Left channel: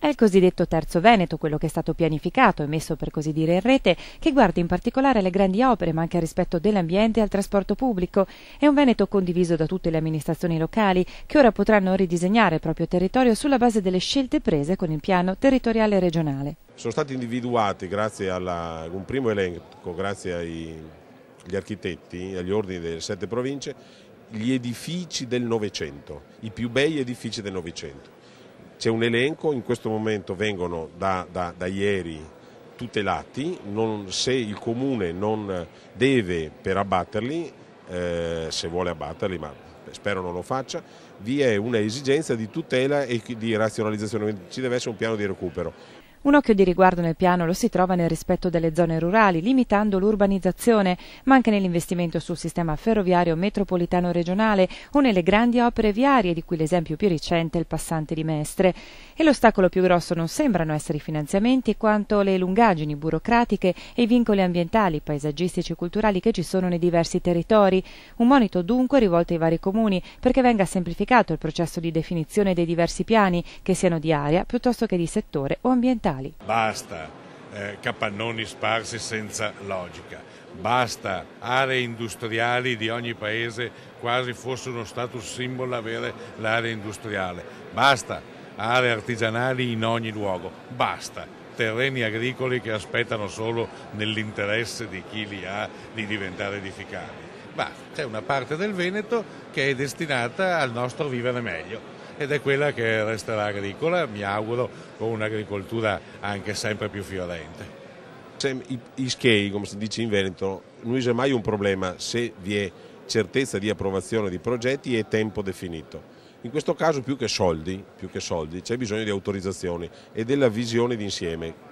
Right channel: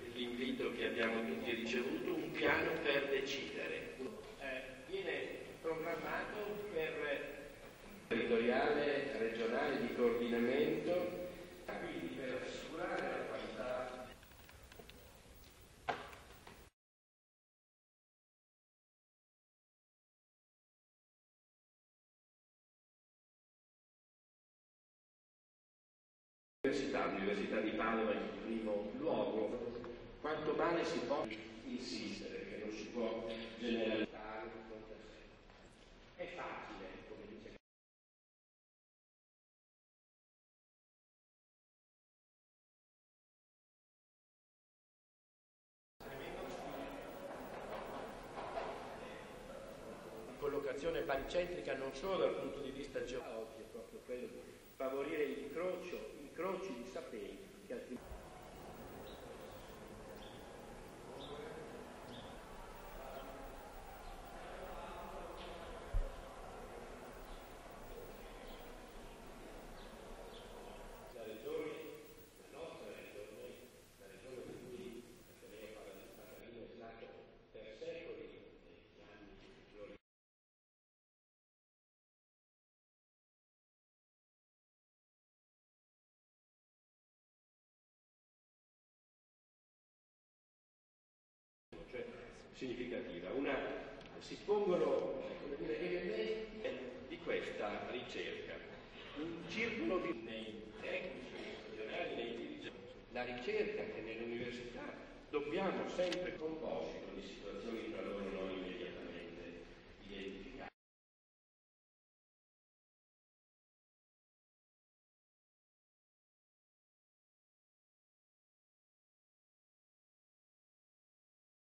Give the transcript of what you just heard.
È il cosiddetto Terzo Veneto, quello che è stato pianificato e messo per così dire in rete, che guarda in particolare alle grandi opere ma anche al rispetto dell'ambiente e al trasporto pubblico. È un Veneto condiviso da tutte le amministrazioni locali che ora potranno ridisegnare il proprio territorio sulla base delle scelte prese con il piano territoriale regionale. Sono stati individuati grazie a un primo elenco, grazie agli architetti, agli ordini delle 7 province, gli edifici del Novecento, i più bei edifici del Novecento. C'è un elenco, in questo momento vengono da ieri tutelati, se il Comune non deve per abbatterli, se vuole abbatterli, ma spero non lo faccia, vi è una esigenza di tutela e di razionalizzazione, ci deve essere un piano di recupero. Un occhio di riguardo nel piano lo si trova nel rispetto delle zone rurali, limitando l'urbanizzazione, ma anche nell'investimento sul sistema ferroviario metropolitano regionale o nelle grandi opere viarie, di cui l'esempio più recente è il passante di Mestre. E l'ostacolo più grosso non sembrano essere i finanziamenti, quanto le lungaggini burocratiche e i vincoli ambientali, paesaggistici e culturali che ci sono nei diversi territori. Un monito dunque rivolto ai vari comuni perché venga semplificato il processo di definizione dei diversi piani, che siano di area piuttosto che di settore o ambientali. Basta capannoni sparsi senza logica, basta aree industriali di ogni paese, quasi fosse uno status symbol avere l'area industriale, basta aree artigianali in ogni luogo, basta terreni agricoli che aspettano solo nell'interesse di chi li ha di diventare edificabili. Ma c'è una parte del Veneto che è destinata al nostro vivere meglio ed è quella che resterà agricola, mi auguro, con un'agricoltura anche sempre più fiorente. I schei, come si dice in Veneto, non c'è mai un problema se vi è certezza di approvazione di progetti e tempo definito. In questo caso più che soldi c'è bisogno di autorizzazioni e della visione d'insieme.